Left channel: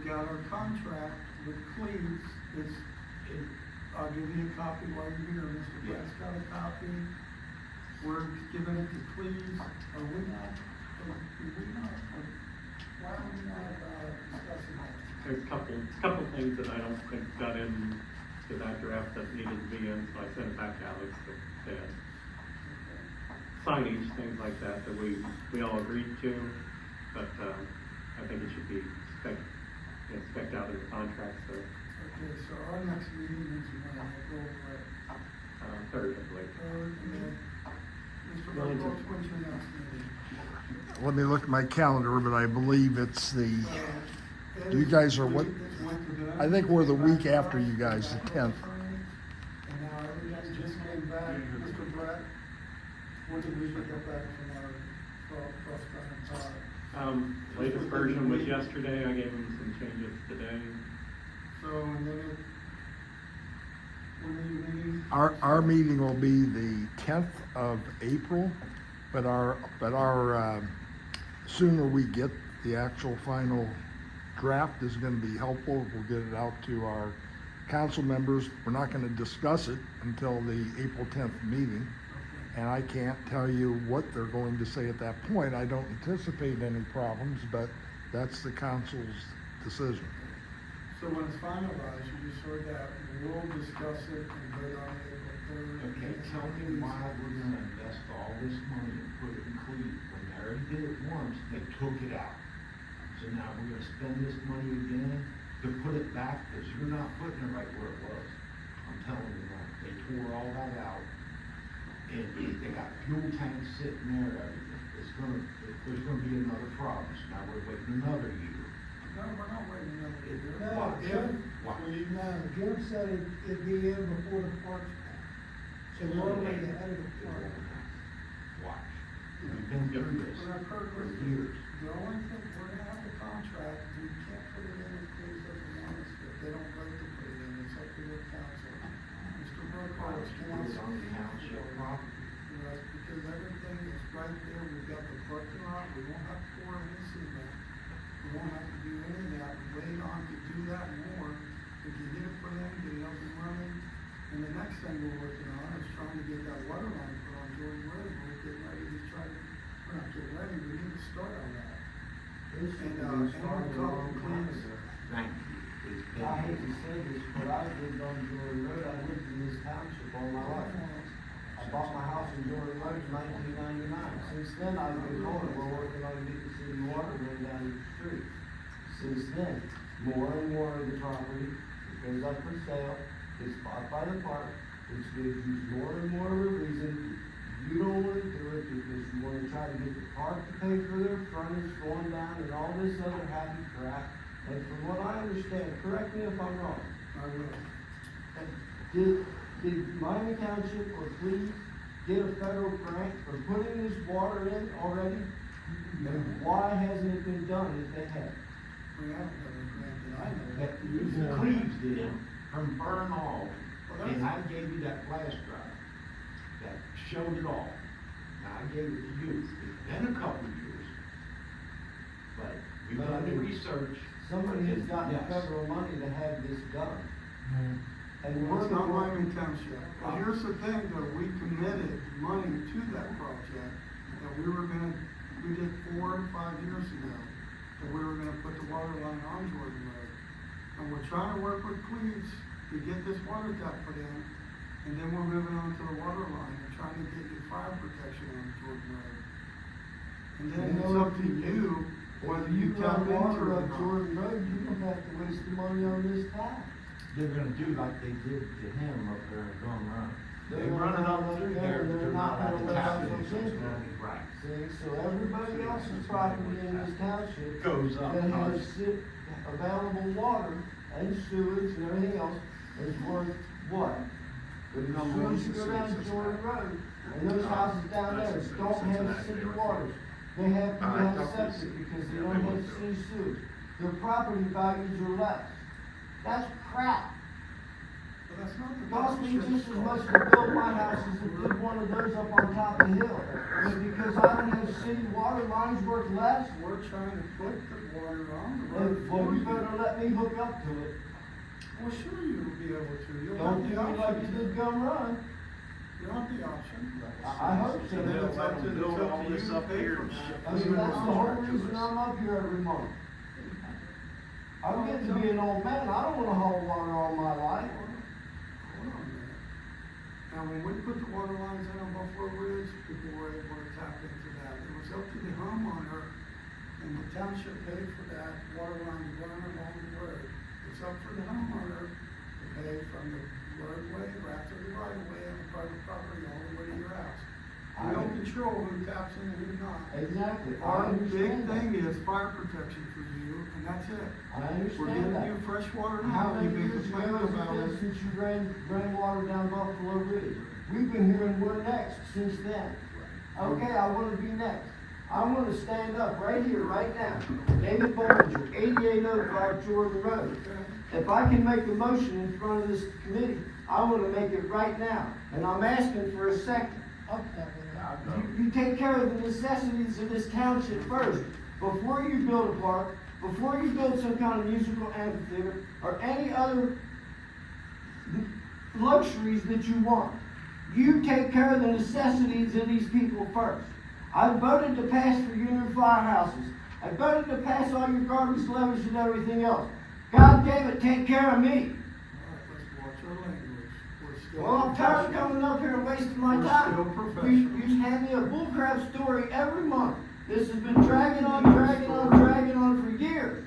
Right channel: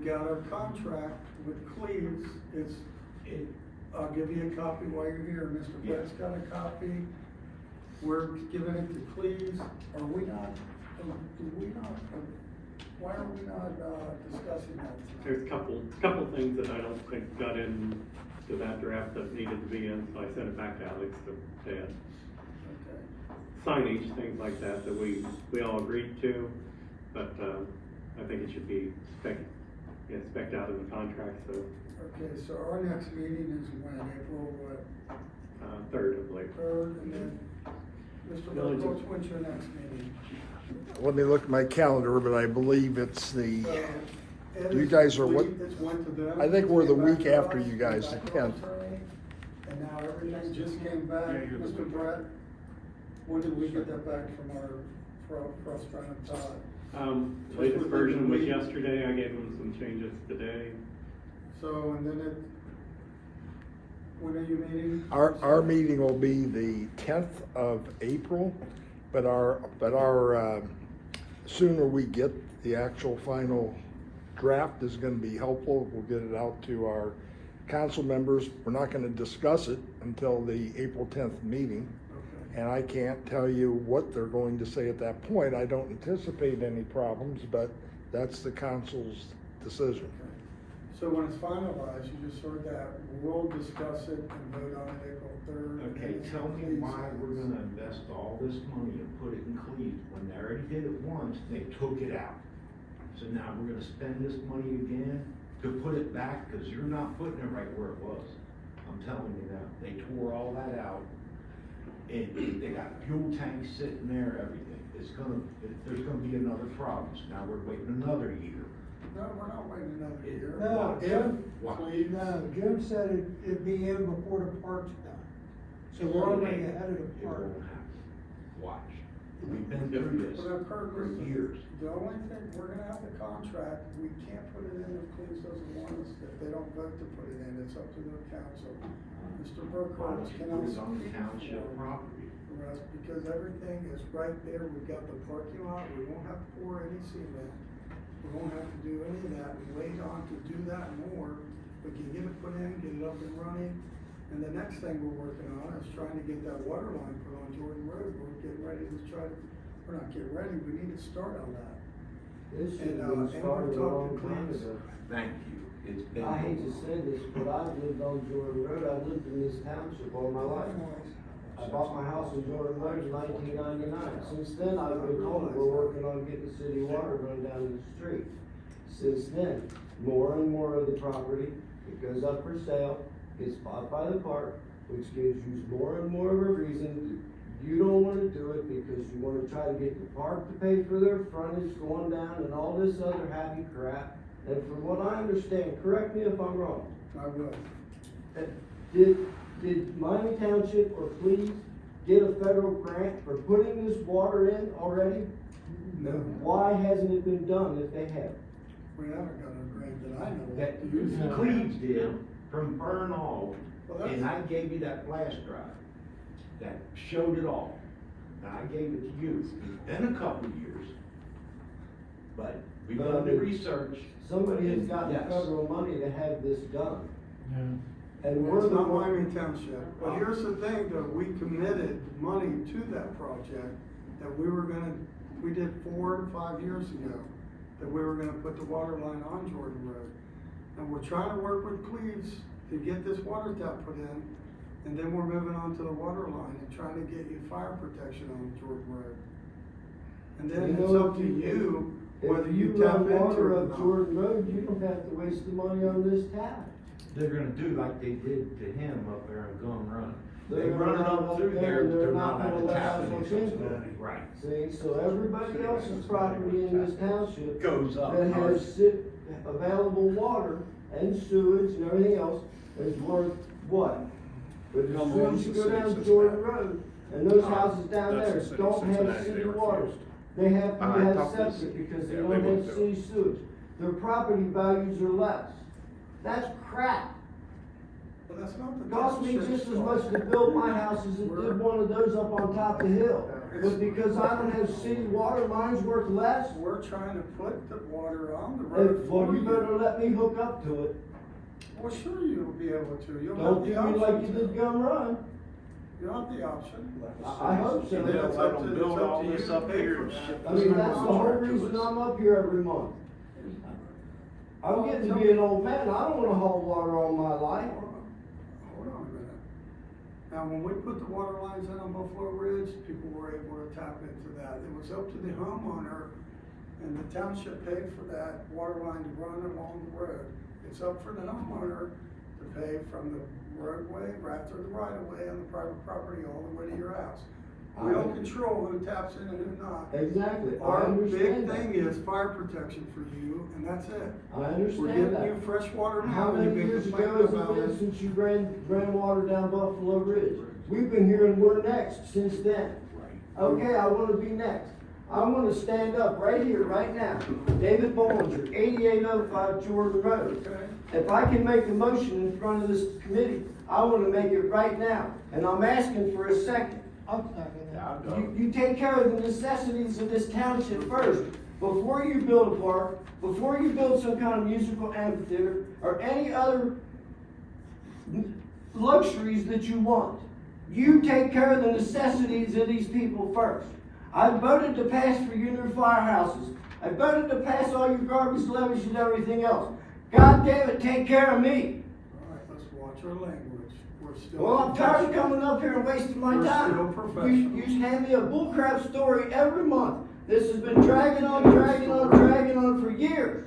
we've got our contract with Cleves, I'll give you a copy while you're here, Mr. Brett's got a copy. We're giving it to Cleves, why are we not discussing that? There's a couple things that I don't think got in to that draft that needed to be in, so I sent it back to Alex to say it. Signage, things like that we all agreed to, but I think it should be spec'd out in the contract, so. Okay, so our next meeting is when, April, Third, I believe. and then, Mr. Burkholz, when's your next meeting? Let me look at my calendar, but I believe it's the, you guys are what? I think we're the week after you guys, the 10th. And now everything just came back, Mr. Brett, when did we get that back from our cross-current power? Latest version was yesterday, I gave them some changes today. So, and then when are you meeting? Our meeting will be the 10th of April, but our sooner we get the actual final draft is going to be helpful. We'll get it out to our council members. We're not going to discuss it until the April 10th meeting, and I can't tell you what they're going to say at that point. I don't anticipate any problems, but that's the council's decision. So when it's finalized, you just heard that, we'll discuss it and vote on it April 3rd. Okay, tell me why we're gonna invest all this money and put it in Cleveland. When they already did it once, they took it out. So now we're gonna spend this money again to put it back, because you're not putting it right where it was. I'm telling you that. They tore all that out. And they got fuel tanks sitting there, everything. There's gonna be another problem. So now we're waiting another year. No, we're not waiting that year. No, Jim said it'd be in before the park's back. So we're already ahead of the park. Watch. We've been doing this But I've heard for years. the only thing, we're gonna have a contract, we can't put it in if Cleves doesn't want us, if they don't vote to put it in, it's up to their council. Mr. Burkholz, can I It's on the speak? township property. Yes, because everything is right there, we've got the parking lot, we won't have to pour any cement. We won't have to do any of that, we wait on to do that more, we can get it put in, get it up and running. And the next thing we're working on is trying to get that water line put on Jordan Road, we're getting ready to try to, we're not getting ready, we need to start on that. This should And, have been started a talk long to time Cleves. ago. Thank you. It's been. I hate to say this, but I lived on Jordan Road, I lived in this township all my life. I bought my house in Jordan Road in 1999. Since then, I've been home, we're working on getting city water run down the street. Since then, more and more of the property that goes up for sale is bought by the park, which gives you more and more of a reason you don't wanna do it because you wanna try to get the park to pay for their frontage going down and all this other happy crap. And from what I understand, correct me if I'm wrong, I will. did Miami Township or Cleves get a federal grant for putting this water in already? No. Why hasn't it been done if they have? We haven't got a grant that I know. That of. Cleves did from Burn Hall, Well, and I gave you that flash drive that showed it all. Now, I gave it to you. It's been a couple years, but we've done the research. Somebody has gotten Yes. federal money to have this done. And Well, we're it's the not one. Miami Township, but here's the thing, though, we committed money to that project, that we did 4 to 5 years ago, that we were gonna put the water line on Jordan Road. And we're trying to work with Cleves to get this water tap put in, and then we're moving on to the water line and trying to get you fire protection on Jordan Road. And then it's up to you, whether you tap into it water or up not. Jordan Road, you don't have to waste the money on this tap. They're gonna do like they did to him up there at Gum Run. They They're run it not up through gonna- there, they're they're not not gonna gonna let tap us it, look it's into gonna it. be right. See, so everybody else's property in this township Goes up. that has available water and sewage and everything else is worth what? If the Number one's sewage the go down census Jordan map. Road, and those houses down That's there the city of don't have Cincinnati city they were water. close. They have to I have thought this- septic because they yeah, don't they went have through city it. sewage. Their property values are less. That's crap. Well, that's not the Cost me township's just as much fault. to build my house as it did one of those up on top of the hill. It's because I don't have city water lines worth less. We're trying to put the water on the road. Well, for you better let me hook up to it. Well, sure you'll be able to. You'll Don't have do the me like you option. did Gum Run. You'll have the option. I hope so. And then it's up to- it's build up all to you this to up pay here for and that. ship I mean, that's the whole reason I'm up here every month. I'm getting to be an old man, I don't wanna haul water all my life. Hold on a minute. Now, when we put the water lines in on Buffalo Ridge, people were able to tap into that. It was up to the homeowner, and the township paid for that water line to run along the road. It's up for the homeowner to pay from the roadway right through the right of way on the private property all the way to your house. We don't control who taps in and who not. Exactly, I Our big understand thing that. is fire protection for you, and that's it. I We're understand getting you that. fresh water How now, many you've been years ago complaining has it about been it. since you drained water down Buffalo Ridge? We've been hearing we're next since then. Okay, I wanna be next. I wanna stand up right here, right now. David Bollinger, 8805 Jordan Road. If I can make a motion in front of this committee, I wanna make it right now. And I'm asking for a second. You take care of the necessities of this township first, before you build a park, before you build some kind of musical amphitheater, or any other luxuries that you want. You take care of the necessities of these people first. I voted to pass for unit firehouses. I voted to pass all your garbage levies and everything else. God damn it, take care of me. All right, let's watch our language. We're still Well, I'm tired of coming up here and wasting my We're time. still professional. You hand me a bullcrap story every month. This has been dragging on for years.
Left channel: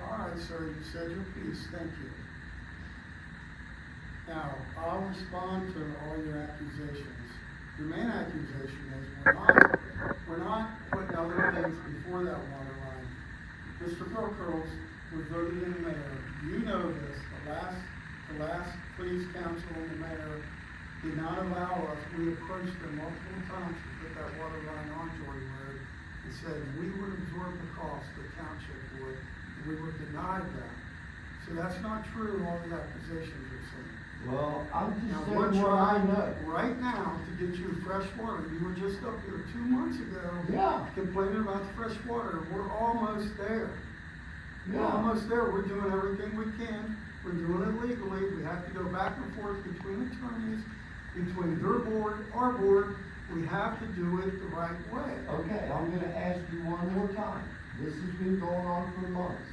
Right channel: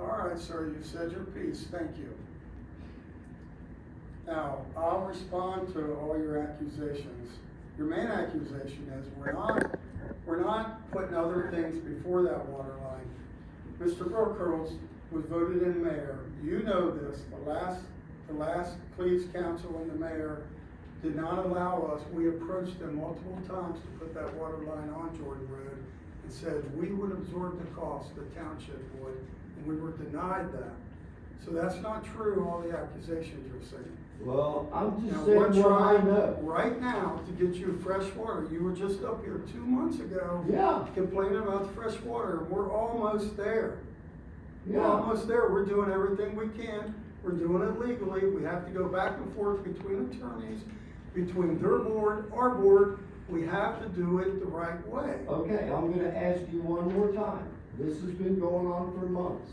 All right, sir, you said your piece, thank you. Now, I'll respond to all your accusations. Your main accusation is we're not putting other things before that water line. Mr. Brookhurst was voted in mayor. You know this, the last police council and the mayor did not allow us. We approached them multiple times to put that water line on Jordan Road and said we would absorb the cost, the township would, and we were denied that. So that's not true, all the accusations you're saying. Well, I'm Now, just we're saying what I trying know. right now to get you fresh water. You were just up here 2 months ago. Yeah. Complaining about the fresh water. We're almost there. We're Yeah. almost there. We're doing everything we can. We're doing it legally. We have to go back and forth between attorneys, between their board, our board. We have to do it the right way. Okay, I'm gonna ask you one more time. This has been going on for months.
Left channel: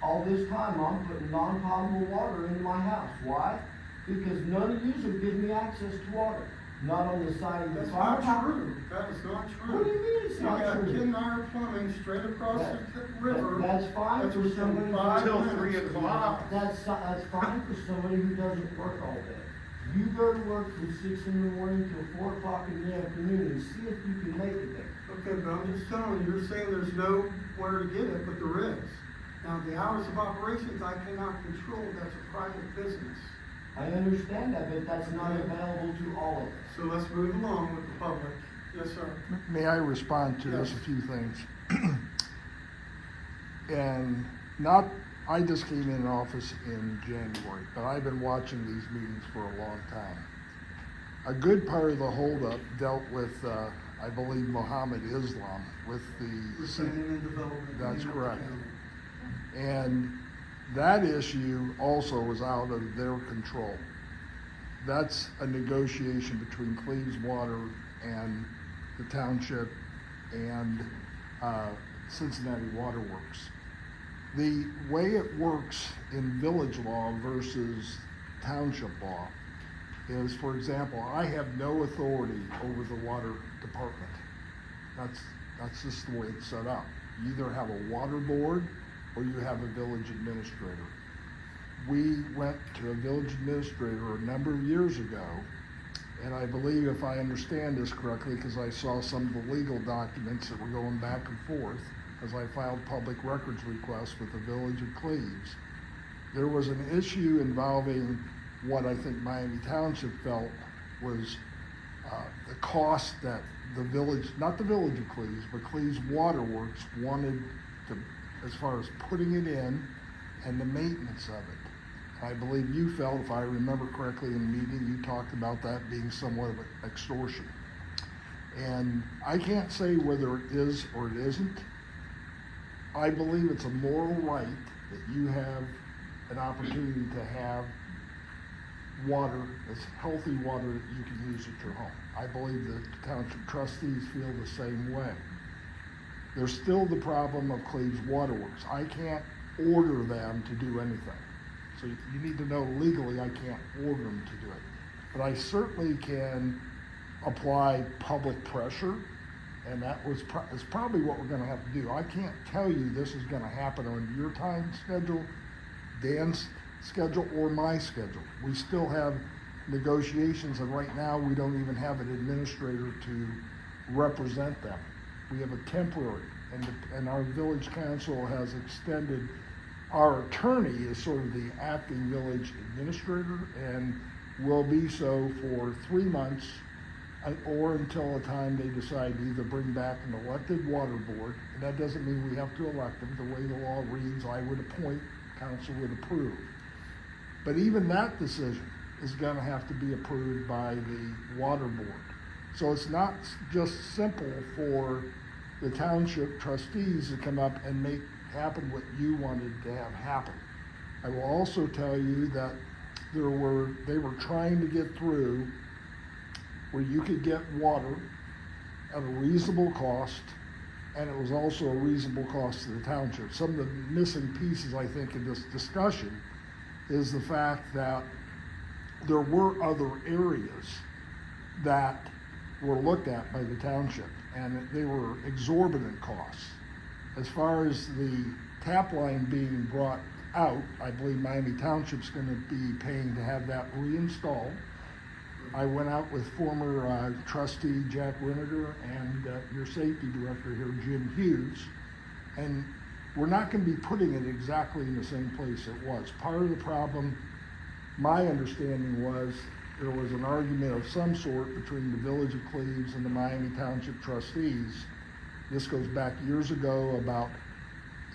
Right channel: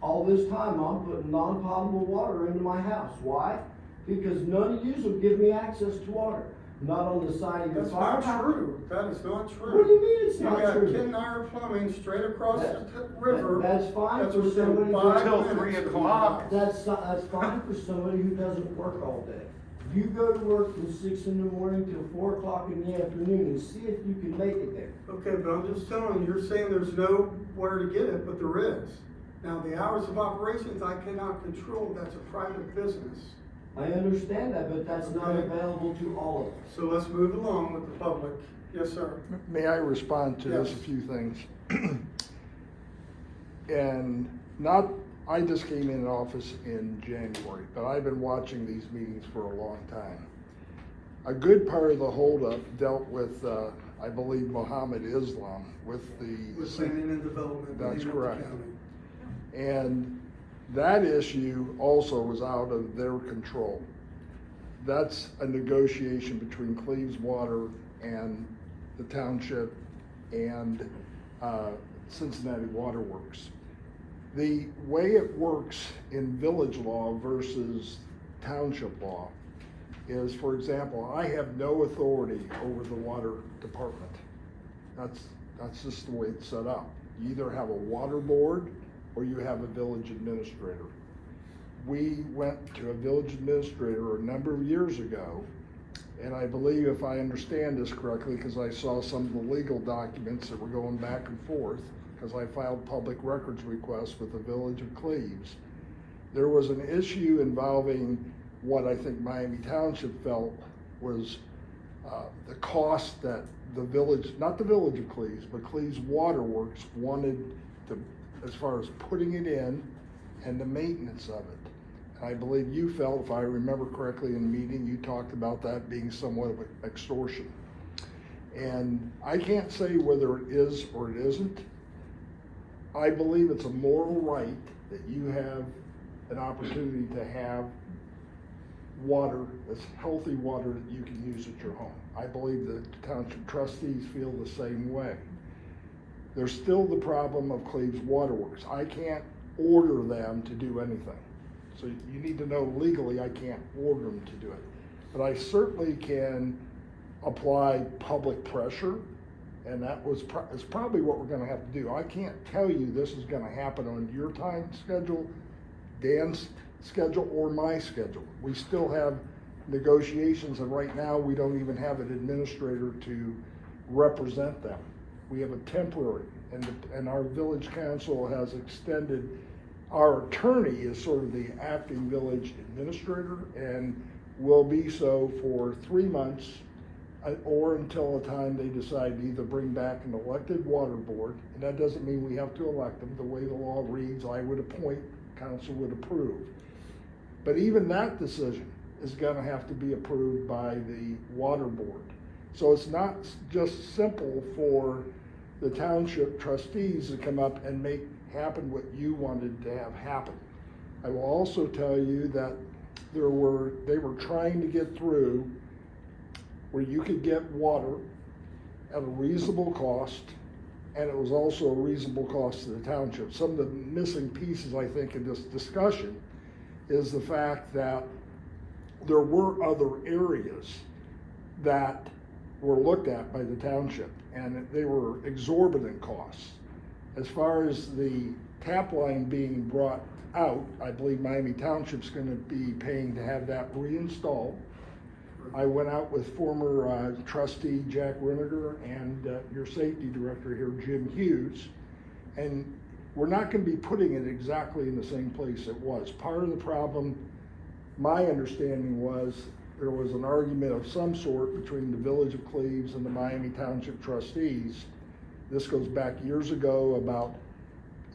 All this time, I'm putting non-potable water into my house. Why? Because none of yous will give me access to water. Not on the side of the That's fire. not true. That is not true. What do you mean it's You not got true? Ken Nyer Plumbing straight across the That- river. that's fine That's for within somebody 5 Till minutes 3 of your o'clock. house. That's fine for somebody who doesn't work all day. You go to work from 6 in the morning till 4 o'clock in the afternoon and see if you can make it there. Okay, but I'm just telling you, you're saying there's nowhere to get it, but there is. Now, the hours of operations, I cannot control, that's a private business. I understand that, but that's not Okay. available to all of us. So let's move along with the public. Yes, sir. May I respond to this, a Yes. few things? And not, I just came in office in January, but I've been watching these meetings for a long time. A good part of the holdup dealt with, I believe, Mohammed Islam with the. With planning and development. in That's Union correct. County. And that issue also was out of their control. That's a negotiation between Cleves Water and the township and Cincinnati Water Works. The way it works in village law versus township law is, for example, I have no authority over the water department. That's just the way it's set up. You either have a water board or you have a village administrator. We went to a village administrator a number of years ago, and I believe, if I understand this correctly, because I saw some of the legal documents that were going back and forth, because I filed public records requests with the village of Cleves, there was an issue involving what I think Miami Township felt was the cost that the village, not the village of Cleves, but Cleves Water Works wanted to, as far as putting it in and the maintenance of it. I believe you felt, if I remember correctly in the meeting, you talked about that being somewhat of extortion. And I can't say whether it is or it isn't. I believe it's a moral right that you have an opportunity to have water, that's healthy water that you can use at your home. I believe the Township trustees feel the same way. There's still the problem of Cleves Waterworks. I can't order them to do anything. So you need to know legally I can't order them to do it. But I certainly can apply public pressure, and that is probably what we're gonna have to do. I can't tell you this is gonna happen on your time schedule, Dan's schedule, or my schedule. We still have negotiations, and right now we don't even have an administrator to represent them. We have a temporary, and our village council has extended, our attorney is sort of the acting village administrator and will be so for 3 months or until a time they decide to either bring back an elected water board, and that doesn't mean we have to elect them. The way the law reads, I would appoint, council would approve. But even that decision is gonna have to be approved by the water board. So it's not just simple for the township trustees to come up and make happen what you wanted to have happen. I will also tell you that they were trying to get through where you could get water at a reasonable cost, and it was also a reasonable cost to the township. Some of the missing pieces, I think, in this discussion is the fact that there were other areas that were looked at by the township, and they were exorbitant costs. As far as the tap line being brought out, I believe Miami Township's gonna be paying to have that reinstalled. I went out with former trustee Jack Winiger and your safety director here, Jim Hughes, and we're not gonna be putting it exactly in the same place it was. Part of the problem, my understanding was, there was an argument of some sort between the Village of Cleves and the Miami Township trustees. This goes back years ago about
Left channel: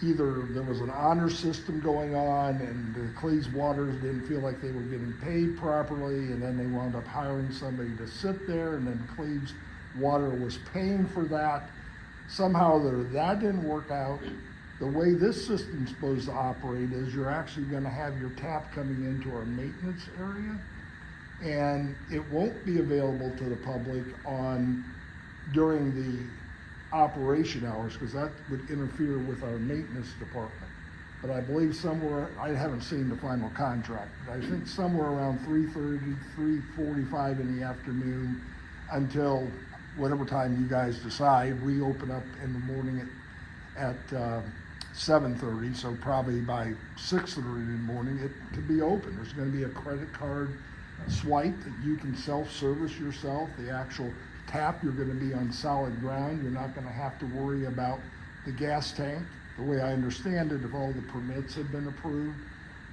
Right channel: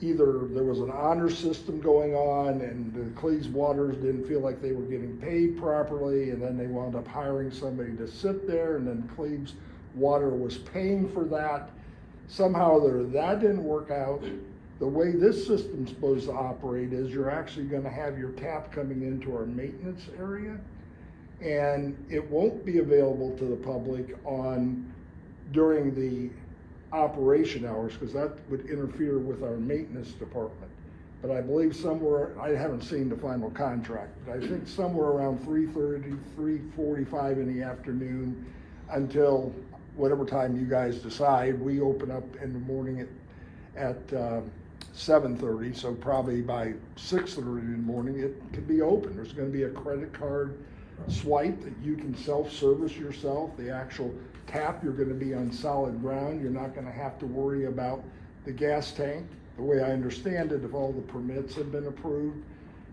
either there was an honor system going on and the Cleves Waters didn't feel like they were getting paid properly, and then they wound up hiring somebody to sit there, and then Cleves Water was paying for that. Somehow that didn't work out. The way this system's supposed to operate is you're actually gonna have your tap coming into our maintenance area, and it won't be available to the public during the operation hours, because that would interfere with our maintenance department. But I believe somewhere, I haven't seen the final contract, but I think somewhere around 3:30, 3:45 in the afternoon until whatever time you guys decide. We open up in the morning at 7:30, so probably by 6:30 in the morning, it could be open. There's gonna be a credit card swipe that you can self-service yourself. The actual tap, you're gonna be on solid ground. You're not gonna have to worry about the gas tank. The way I understand it, if all the permits have been approved,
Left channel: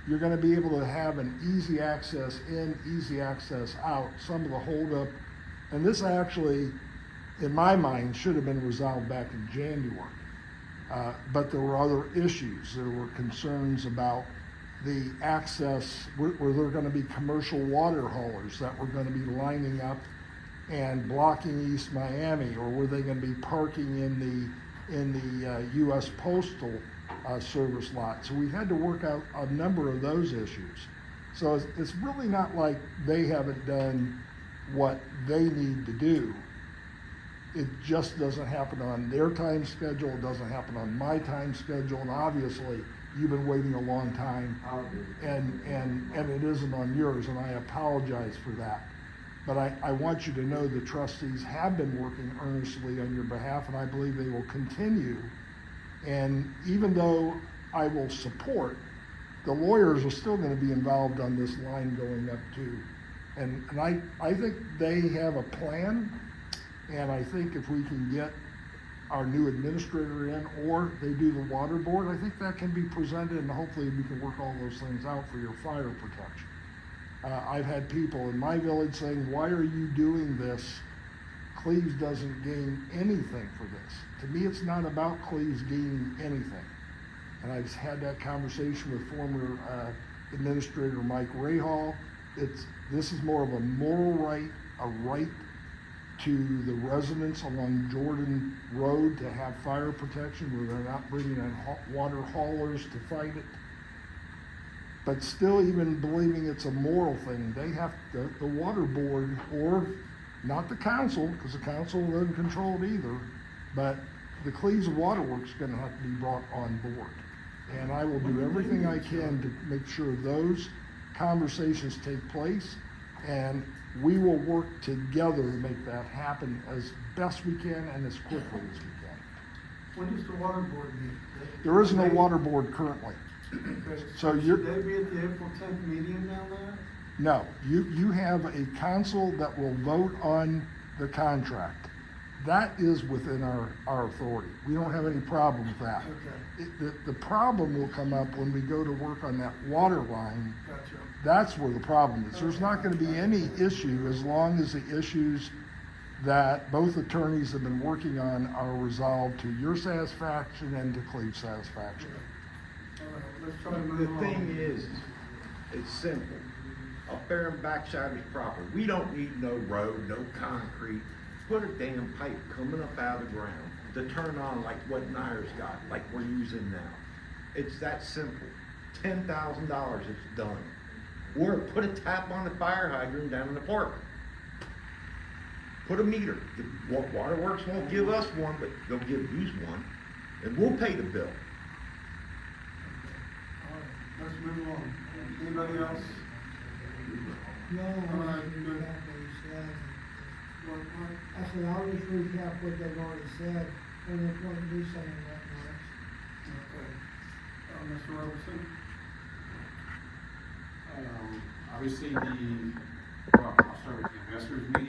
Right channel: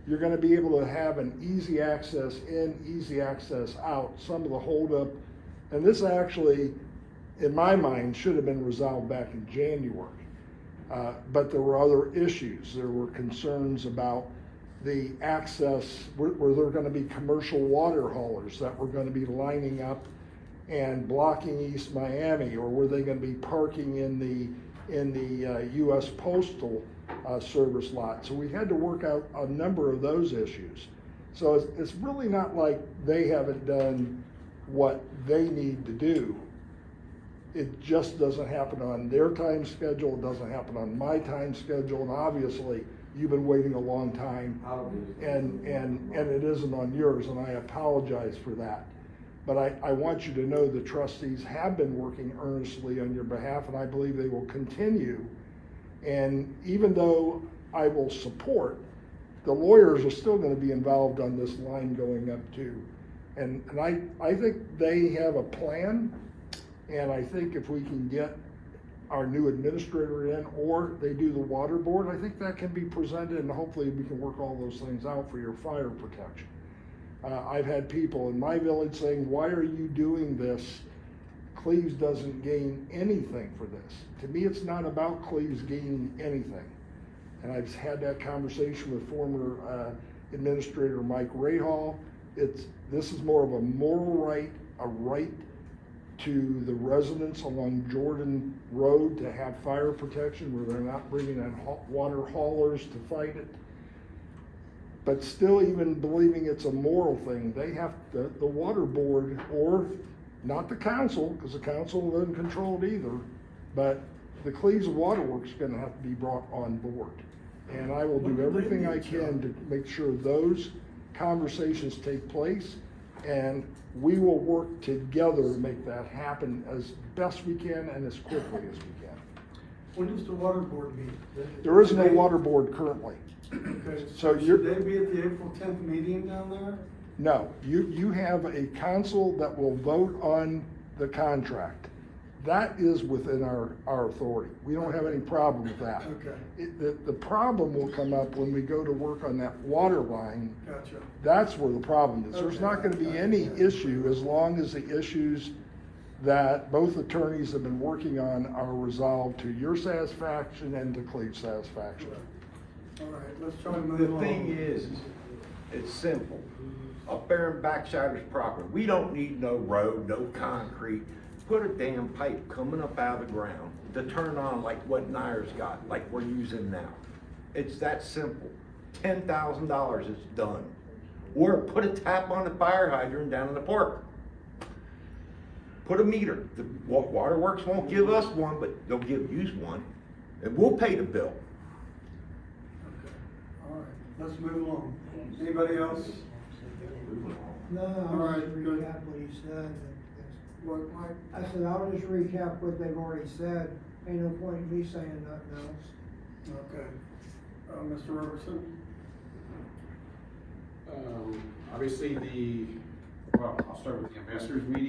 you're gonna be able to have an easy access in, easy access out. Some of the holdup, and this actually, in my mind, should have been resolved back in January. But there were other issues. There were concerns about the access, were there gonna be commercial water haulers that were gonna be lining up and blocking East Miami, or were they gonna be parking in the US Postal Service lot? So we've had to work out a number of those issues. So it's really not like they haven't done what they need to do. It just doesn't happen on their time schedule, it doesn't happen on my time schedule, and obviously, you've been waiting a long time, and it isn't on yours, and I apologize for that. But I want you to know the trustees have been working earnestly on your behalf, and I believe they will continue. And even though I will support, the lawyers are still gonna be involved on this line going up too. And I think they have a plan, and I think if we can get our new administrator in, or they do the water board, I think that can be presented, and hopefully we can work all those things out for your fire protection. I've had people in my village saying, why are you doing this? Cleves doesn't gain anything for this. To me, it's not about Cleves gaining anything. And I've had that conversation with former Administrator Mike Rahal. This is more of a moral right, a right to the residents along Jordan Road to have fire protection, where they're not bringing in water haulers to fight it. But still, even believing it's a moral thing, they have, the water board, or not the council, because the council will in control it either, but the Cleves Water Works is gonna have to be brought on board. And I will do everything I can to make sure those conversations take place, and we will work together to make that happen as best we can and as quickly as we can. When does the water board meet? There is no water board currently. Okay, So should you're- they be at the April 10th meeting down there? No, you have a council that will vote on the contract. That is within our authority. We don't have any problem with that. Okay, The problem will come up when we go to work on that water line. gotcha. That's where the problem is. There's not gonna be any issue as long as the issues that both attorneys have been working on are resolved to your satisfaction and to Cleve's satisfaction. All right, let's try to The move on. thing is, it's simple. Up there in Backsider's property, we don't need no road, no concrete. Put a damn pipe coming up out of the ground to turn on like what Nyers got, like we're using now. It's that simple. $10,000 is done. Or put a tap on the fire hydrant down in the park. Put a meter. The waterworks won't give us one, but they'll give you one, and we'll pay the bill. All right, let's move on. Anybody else? No, All right, I good. recap what he said. What? I said, I'll just recap what they've already said, and the point of me saying that next. Okay. Mr. Robertson? Obviously, I'll start with the investors meeting.